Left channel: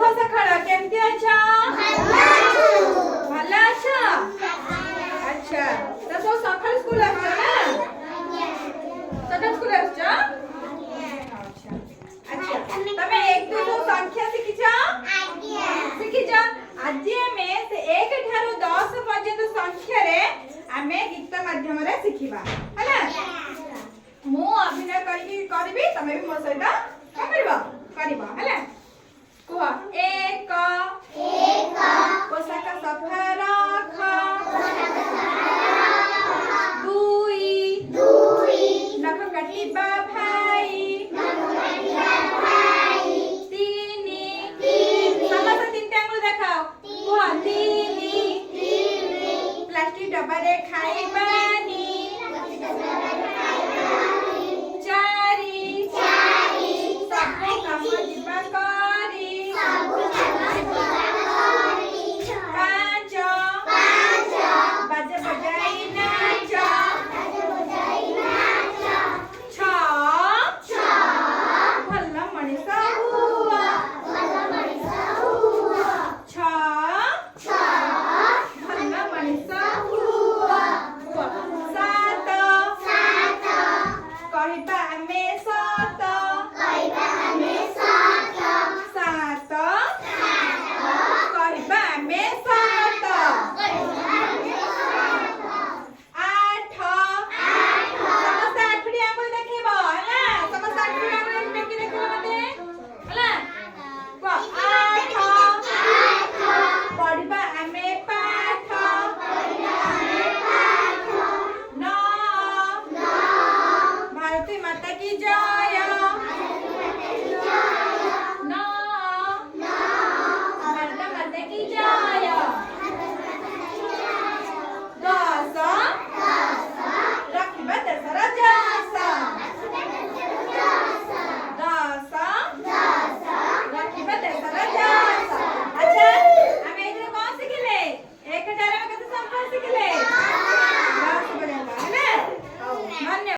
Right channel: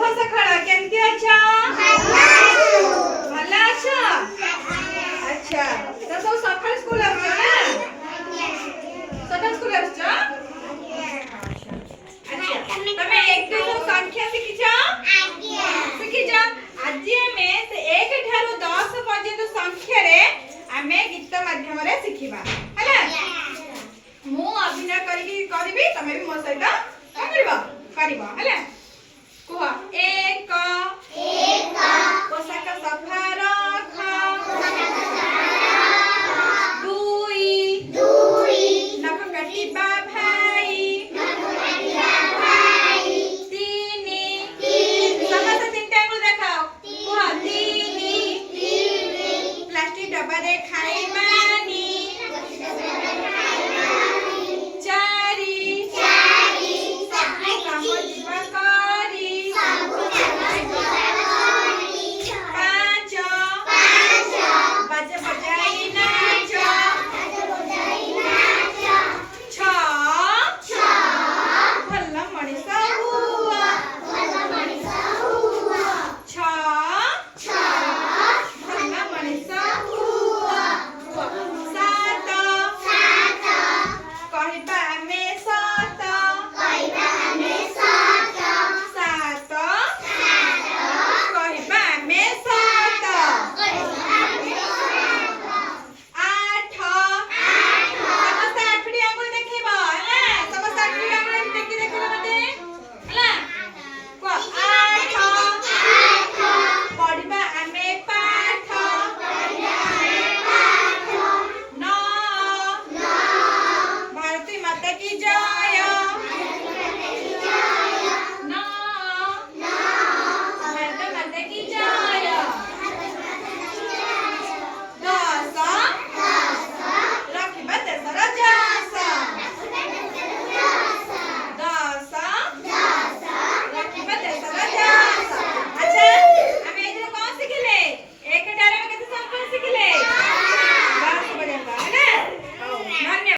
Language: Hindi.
शुभ सकाळ केमती अच्छा भला अच्छा अच्छा तो सब सकाळ स्कूल आछो ना सकाळ स्कूल आछो अच्छा अच्छा तमे एक दो संख्या शिखिछो शिखिछो आज हमें से 1 ठारो 10 पर्यंत संख्या रे हमें गीत माध्यम रे शिखिबा हला मु अभिनय करबी तमे भी मो सहित करबो हला कुह एक पोशाक सफा